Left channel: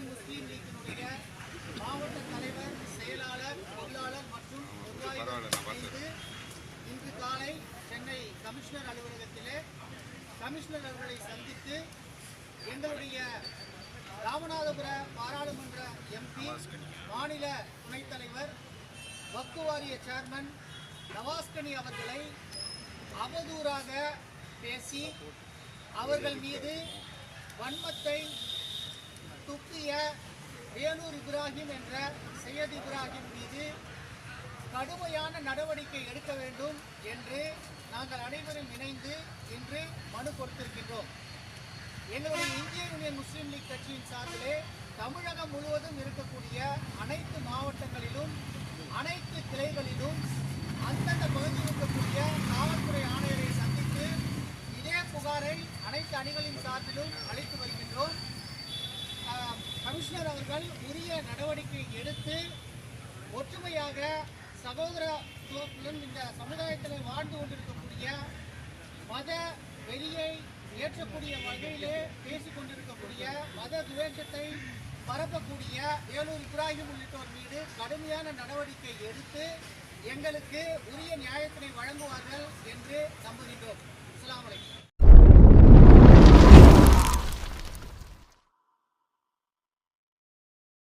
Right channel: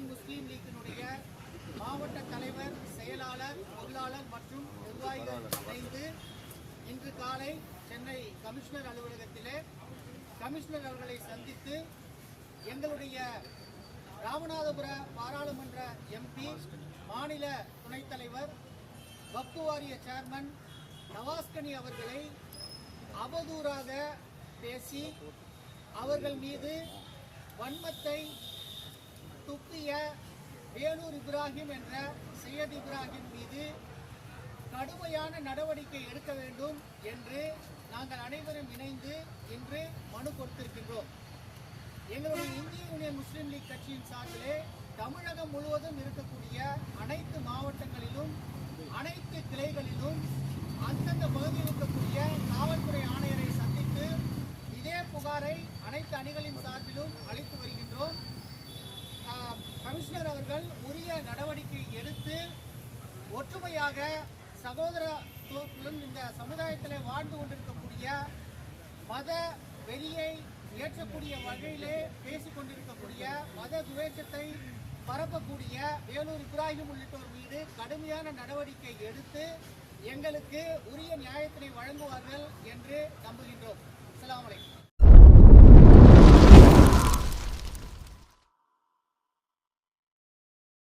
Indian Muslim லீக்கினுடைய மாவட்ட தலைவர், செயலாளர், பொருளாளர் மற்றும் நிர்வாகிகள் இணைந்து இன்று காலை சென்னை கமிஷனர் அலுவலகத்திலே கமிஷனர் அவர்களை சந்தித்து எங்களுடைய ராமநாதபுர பாராளுமன்ற எம்பி, மாநில துணைத் தலைவர், வக்ஃபு வாரிய சேர்மன் நவாஸ்கனி அவர்களை அவதூறாக பேசி அவர்கள் மீது வன்மத்தை துப்பிய வேலூர் இப்ராஹிம் என்ற சையத் இப்ராஹிம் மீது கடுமையான நடவடிக்கை எடுக்க வேண்டும் என்று நாங்கள் அனைவரும் இணைந்து இன்று மனு கொடுத்திருக்கின்றோம். எங்களுடைய இந்திய யூனியன் முஸ்லீம் லீக் கட்சியின் சார்பிலே தமிழகம் முழுவதும் இருக்கக்கூடிய அனைத்து மாவட்டங்களிலும் அனைத்து கிளைகளிலும் அந்தந்த பகுதியில் இருக்கக்கூடிய காவல்துறை ஆணையரை சந்தித்து இதே புகாரை அனைத்து அணிகளின் சார்பிலும் அளித்து வருகின்றோம். கமிஷனர் அவர்கள் உரிய நடவடிக்கை எடுத்து ஒற்றுமையாக சகோதரத்துவத்துடன் இந்த சமுதாயத்தில் வாழ்ந்து கொண்டிருக்கக்கூடிய மத வெளியை ஏற்றக்கூடிய வகையிலே பேசிக் கொண்டிருக்கக்கூடிய மத துவேஷத்தை பரப்பக்கூடிய வேலூர் இப்ராஹிம் உள்ளிட்டோர் மீது கடுமையான நடவடிக்கை எடுத்து எங்களுக்கு உரிய நியாயத்தினை வழங்குவார்கள் என்று நம்புகின்றோம். அஸ்ஸலாமு அலைக்கும்.